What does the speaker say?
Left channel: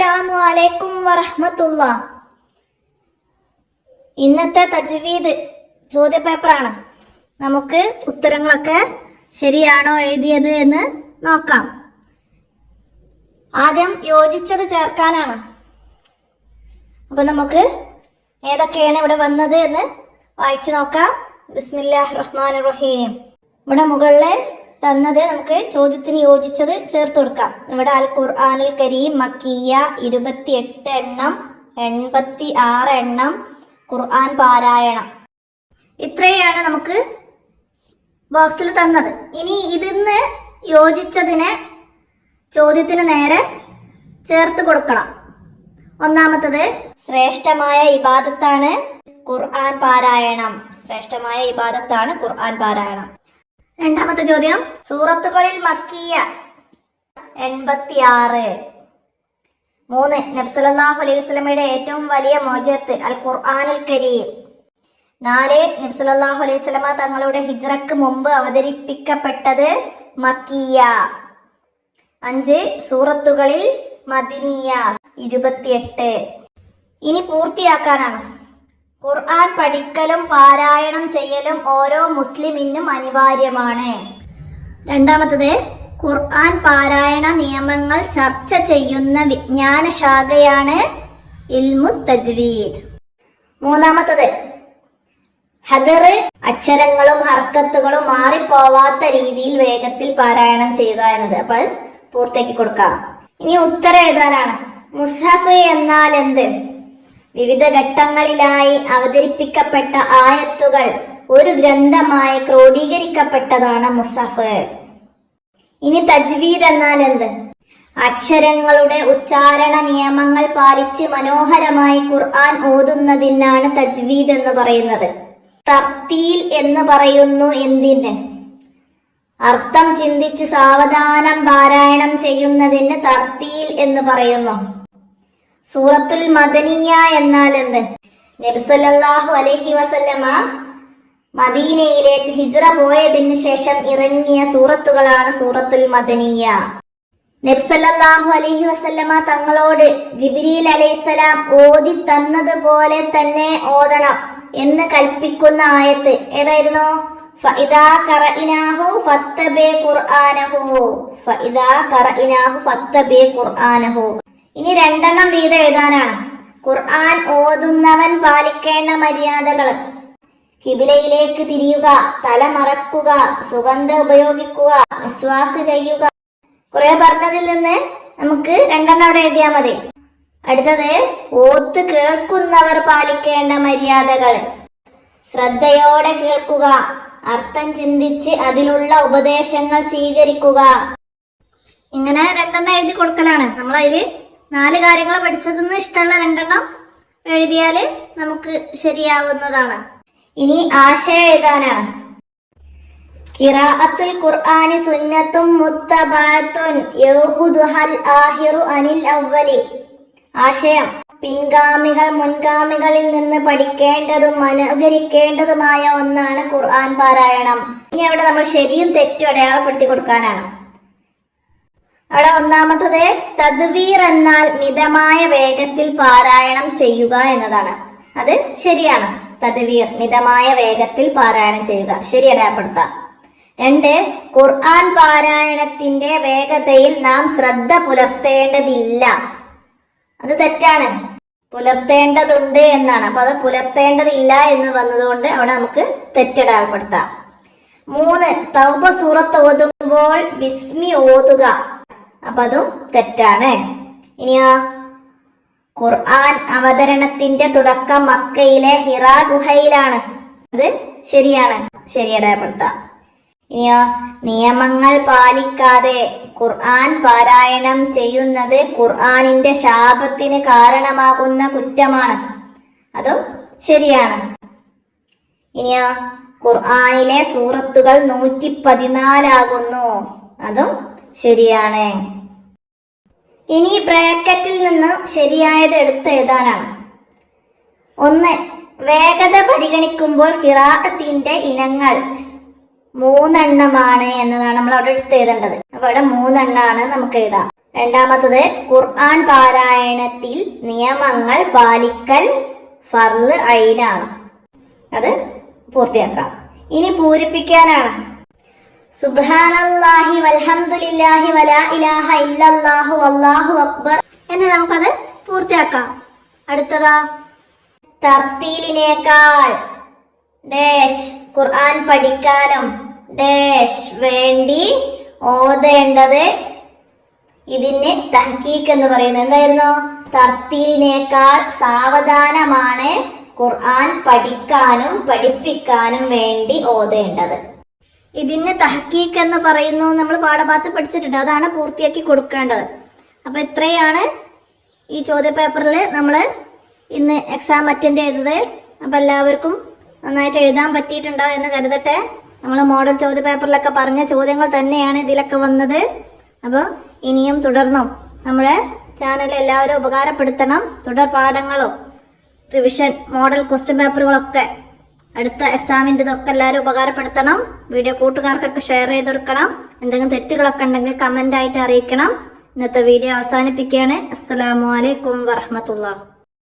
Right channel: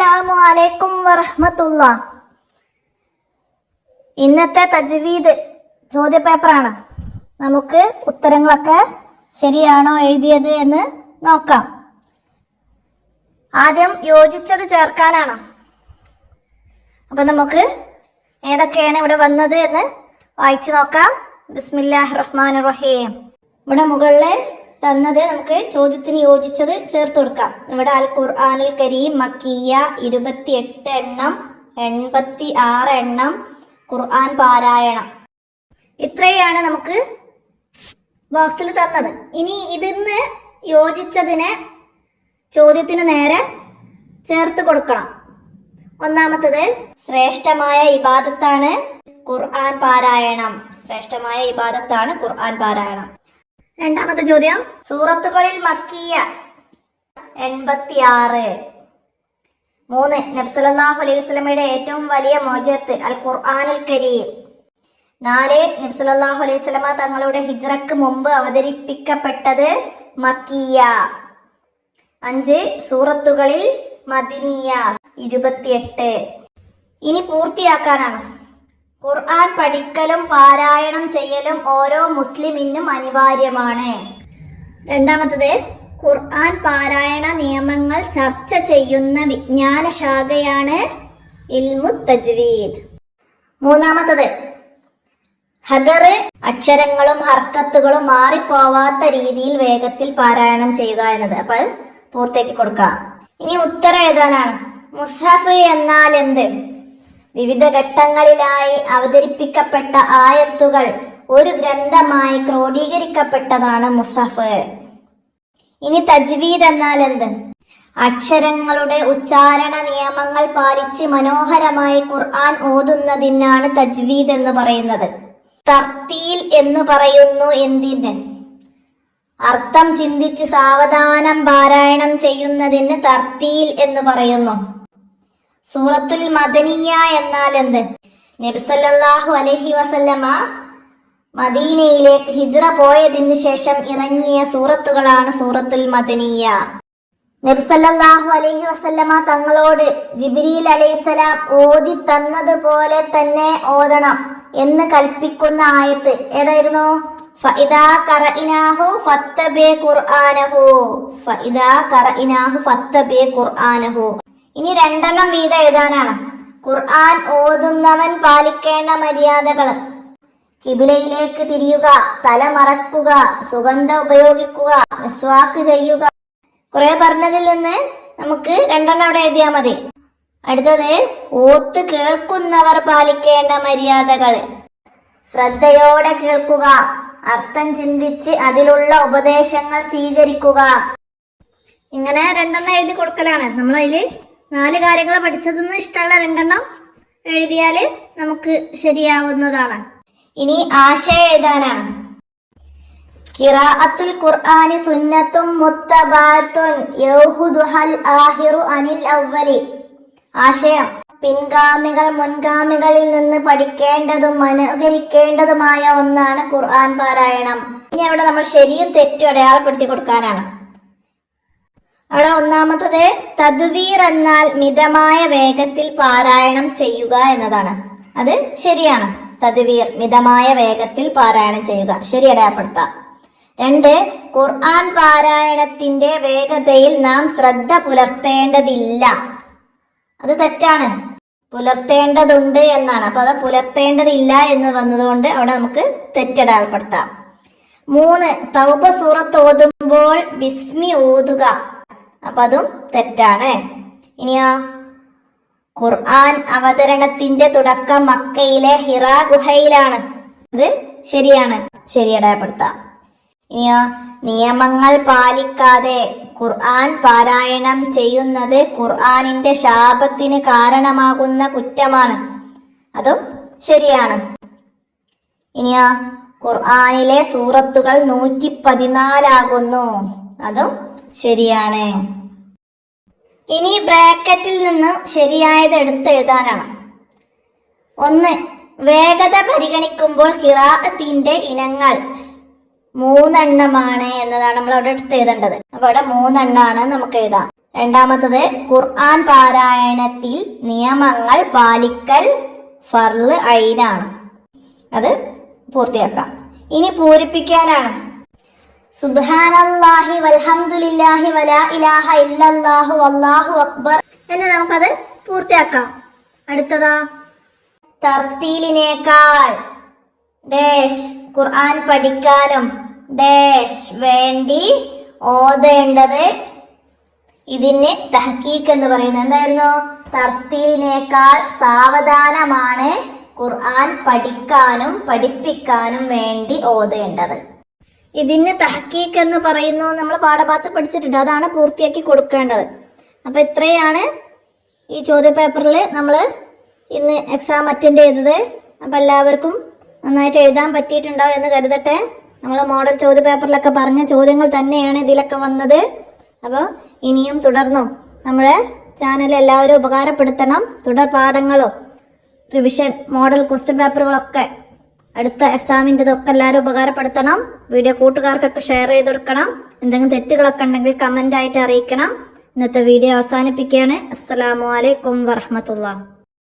അസ്സലാമു അലൈക്കും വറഹ്മത്തുള്ളാ. ഇന്നത്തെ തജ്വീദ് ചോദ്യപേപ്പറാണ്. നമുക്ക് ഉത്തരങ്ങളൊക്കെ ശരിയാണോ എഴുതിയത് എന്ന് നോക്കാം. ആദ്യം യോജിച്ചത് ചേർക്കാനാണ്. അപ്പം നമുക്ക് ഏതൊക്കെയാണ് ഇവിടെ വന്നത് എന്ന് വായിച്ചു നോക്കാം. ബിസ്മില്ലാഹിർ റഹ്മാനിർ റഹീം. ഇവിടെ മുകളിൽ തന്നത് നമുക്ക് ചോദ്യത്തിന് യോജിച്ചത് ചേർത്ത് കൊടുക്കാം. ഇവിടെ അൽ ഖുർആനുൽ കരീം മക്കിയ 28 എണ്ണം, 86 എണ്ണം ഖുർആൻ പാരായണം. ഇത്രയാണ് നമുക്ക് ബോക്സിൽ തന്നത്. ഇനി ഇതിന്ന് യോജിച്ചതിനെ ചോദ്യത്തിന് നേരെ ചേർത്ത് കൊടുക്കണം. ഒന്നാമത്തത് ശ്രേഷ്ഠമായ ഇബാദത്താണ് ഖുർആൻ പാരായണം. ശ്രേഷ്ഠമായ ഇബാദത്താണ് ഖുർആൻ പാരായണം. രണ്ടാമത്തെ ചോദ്യം സൂറത്തുകളിൽ മക്കിയ 86. 3 നബി സല്ലല്ലാഹു അലൈഹി വസല്ലമയുടെ ഏറ്റവും വലിയ മോചത്ത് അൽ ഖുർആനുൽ കരീം. 4 നബി സല്ലല്ലാഹു അലൈഹി വസല്ലമ തങ്ങളുടെ ഹിജ്റക്ക് മുമ്പ് അവതരിപ്പിക്കപ്പെട്ടത് മക്കിയ. 5 സൂറത്തുകളിൽ മദനിയ 28. ഇനി പൂർത്തിയാക്കാനാണ്. ഖുർആൻ പഠിക്കലും പാരായണം ചെയ്യലും ഓരോ മുസ്ലിമിനും അനിവാര്യമാണ്. രണ്ടാമത്തത് ഖുർആൻ പാരായണ നിയമങ്ങൾ ചർച്ച ചെയ്യുന്ന വിജ്ഞാന ശാഖയാണ് ഇൽമു തജ്വീദ്. മൂന്നാമത്തത് ഹദർ അക്ഷരങ്ങളും ഹർക്കത്തുകളും മാറിപ്പോവാത്ത രീതിയിൽ വേഗത്തിൽ പാരായണം ചെയ്യുക എന്നത്. അപ്പോൾ പൂർത്തിയാക്കി കൊടുക്കാം. ഇനി ഉത്തരം എഴുതാനാണ്. മുസ്ഹഫ് എന്നാൽ എന്ത്? വിവിധ ഘട്ടങ്ങളിലായി അവതരിപ്പിക്കപ്പെട്ട ആയത്തുകൾ ഒരു ഗ്രന്ഥമായി ക്രോഡീകരിക്കപ്പെട്ടതാണ് മുസ്ഹഫ്. ഇനി തജ്വീദ് എന്നാൽ എന്ത്? അക്ഷരങ്ങളുടെ ഉച്ചാരണ നിയമങ്ങൾ പാലിച്ച് മനോഹരമായി ഖുർആൻ ഓതുന്നതിനാണ് തജ്വീദ് എന്ന് പറയുന്നത്. തർത്തീൽ എന്ന് പറയുന്നു എന്തിന്? അർത്ഥം ചിന്തിച്ച് സാവധാനം പാരായണം ചെയ്യുന്നതിന് തർത്തീൽ എന്ന് പറയുന്നു. സൂറത്തുൽ മദനിയ എന്നാൽ എന്ത്? നബി സല്ലല്ലാഹു അലൈഹി വസല്ലമ മദീനയിലേക്ക് ഹിജ്റ പോയതിനു ശേഷം ഇറങ്ങിയ സൂറത്തുകളാണ് സൂറത്തുൽ മദനിയ. നബി സല്ലല്ലാഹു അലൈഹി വസല്ലമ തങ്ങളോട് ജിബ്രീൽ അലൈഹിസ്സലാം ഓതി തന്നതുപോലെ തന്നെ ഓതണം എന്ന് കൽപ്പിക്കുന്ന ആയത്ത് ഏതായിരുന്നു? ഫഇദാ ഖറഇനാഹു ഫത്തബി ഖുർആനഹു. ഫഇദാ ഖറഇനാഹു ഫത്തബി ഖുർആനഹു. ഇനി 2 എണ്ണം വീതം എഴുതാനാണ്. ഖുർആൻ ഓതുന്നവൻ പാലിക്കേണ്ട മര്യാദകൾ: ഖിബിലയിലേക്ക് തിരിയുക, തല മറക്കുക, സുഗന്ധം ഉപയോഗിക്കുക, മിസ്വാക്ക് ചെയ്യുക. കുറെ പറഞ്ഞതിൽ നിന്ന് നമുക്ക് 2 എണ്ണം അവിടെ എഴുതിയാൽ മതി. അടുത്തത് ഓത്ത് കേൾക്കുന്നവർ പാലിക്കേണ്ട മര്യാദകൾ: ശ്രദ്ധയോടെ കേൾക്കുക, അർത്ഥം ചിന്തിച്ച് അതിലുള്ള ഉപദേശങ്ങൾ സ്വീകരിക്കുക. ഇങ്ങനെ 2 എണ്ണം എഴുതി കൊടുക്കലാണ്. നമ്മളതിൽ 4 കാര്യങ്ങൾ പഠിച്ചതെന്ന് ഇഷ്ടമുള്ള 2 എണ്ണം എഴുതിയാൽ നമുക്ക് ശരിയാവുന്നതാണ്. ഇനി ആശയം എഴുതാനാണ്. ഖിറാഅത്തുൽ ഖുർആനി സുന്നത്തും മുത്തബഅത്തുൻ യഖുദുഹൽ ആഖിറു അനിൽ അവ്വലി. ആശയം: പിൻഗാമികൾ മുൻഗാമികളിൽ നിന്ന് പഠിക്കേണ്ടതും അനുകരിക്കേണ്ടതുമായ ഒന്നാണ് ഖുർആൻ പാരായണം. ഇനി അവിടെ നമ്മൾ ശരിയും തെറ്റും അടയാളപ്പെടുത്തി കൊടുക്കാനാണ്. അവിടെ ഒന്നാമത്തത് തദ്വീർ എന്നാൽ മിതമായ വേഗത്തിൽ പാരായണം ചെയ്യുക എന്നതാണ്. അത് ശരിയാണ്. തദ്വീർ മിതമായ വേഗത്തിൽ പാരായണം ചെയ്യുക, ശരി അടയാളപ്പെടുത്താം. 2 ഖുർആൻ പാരായണത്തിന്റെ വേഗതയിൽ നാം ശ്രദ്ധ പുലർത്തേണ്ടതില്ല. അത് തെറ്റാണ്. പുലർത്തേണ്ടതുണ്ട് എന്നാണ്. അപ്പൊ അത് പുലർത്തേണ്ടതില്ല എന്ന് വന്നതുകൊണ്ട് അവിടെ നമുക്ക് തെറ്റടയാളപ്പെടുത്താം. 3 തൗബ സൂറത്ത് ഓതുമ്പോൾ ബിസ്മി ഓതുക. അപ്പൊ അതും തെറ്റാണ്. ഇനിയോ ഖുർആൻ അവതരണത്തിന്റെ തുടക്കം മക്കയിലെ ഹിറാ ഗുഹയിലാണ്. അത് ശരിയാണ്, ശരിയടയാളപ്പെടുത്താം. ഇനിയോ നിയമങ്ങൾ പാലിക്കാതെ ഖുർആൻ പാരായണം ചെയ്യുന്നത് ഖുർആനിന്റെ ശാപത്തിന് കാരണമാകുന്ന കുറ്റമാണ്. അതും ശരിയാണ്. ഇനിയോ ഖുർആനിലെ സൂറത്തുകൾ 114 ആകുന്നു. അതും ശരിയാണ്. ഇനി ബ്രാക്കറ്റിൽ നിന്ന് ശരിയായത് എടുത്തെഴുതാനാണ്. 1 വേഗത പരിഗണിക്കുമ്പോൾ ഖിറാഅത്തിന്റെ ഇനങ്ങൾ 3 എണ്ണമാണ് എന്നതാണ് നമ്മൾ അവിടെ എടുത്ത് എഴുതേണ്ടത്. അപ്പൊ ഇവിടെ 3 എണ്ണമാണ് നമുക്ക് എഴുതാം. രണ്ടാമത്തത് ഖുർആൻ പാരായണത്തിൽ നിയമങ്ങൾ പാലിക്കൽ ഫർള് ഐനാണ്. അത് പൂർത്തിയാക്കാം. ഇനി പൂരിപ്പിക്കാനാണ്. സുബ്ഹാനല്ലാഹി വൽഹംദുലില്ലാഹി വലാ ഇലാഹ ഇല്ലല്ലാഹു വല്ലാഹു അക്ബർ എന്ന് നമുക്കത് പൂർത്തിയാക്കാം. അടുത്തതാ തർത്തീലിനേക്കാൾ ഡാഷ് ഖുർആൻ പഠിക്കാനും ഡാഷ് വേണ്ടി ഓതേണ്ടത്. ഇതിന് തഹ്കീഖ് എന്ന് പറയുന്നത് എന്തായിരുന്നു? തർത്തീലിനേക്കാൾ സാവധാനമാണ് ഖുർആൻ പഠിക്കാനും പഠിപ്പിക്കാനും വേണ്ടി ഓതേണ്ടത്. ഇതിന് തഹ്കീഖ് എന്ന് പറയുന്നു. നമ്മൾ പാഠഭാഗത്ത് പഠിച്ചിട്ടുണ്ട്. അതാണ് പൂർത്തിയാക്കി കൊടുക്കേണ്ടത്. അപ്പോൾ ഇത്രയാണ് ഈ ചോദ്യപേപ്പറിൽ നമ്മൾ ഇന്ന് എക്സാം അറ്റൻഡ് ചെയ്തത്. അപ്പോൾ എല്ലാവർക്കും നന്നായിട്ട് എഴുതാൻ പറ്റിയിട്ടുണ്ടോ എന്ന് കരുതട്ടെ. നമ്മൾ മോഡൽ ചോദ്യപേപ്പറിലൊക്കെ പറഞ്ഞ ചോദ്യങ്ങൾ തന്നെയാണ് ഇതിലൊക്കെ വന്നത്. അപ്പോൾ ഇനിയും തുടർന്നും നമ്മുടെ ചാനൽ എല്ലാവരും ഉപകാരപ്പെടുത്തണം. തുടർ പാഠങ്ങളോ റിവിഷൻ മോഡൽ ക്വസ്റ്റ്യൻ പേപ്പറുകളൊക്കെ അടുത്ത എക്സാമിൻ്റെ ഇതൊക്കെ എല്ലാവരും ഉപകാരപ്പെടുത്തണം. വീഡിയോ കൂട്ടുകാർക്കൊക്കെ ഷെയർ ചെയ്ത് കൊടുക്കണം. എന്തെങ്കിലും തെറ്റുകളൊക്കെ ഉണ്ടെങ്കിൽ കമൻ്റായിട്ട് അറിയിക്കണം. ഇന്നത്തെ വീഡിയോ അവസാനിപ്പിക്കുകയാണ്. അസ്സലാമു അലൈക്കും വറഹ്മത്തുള്ളാഹി.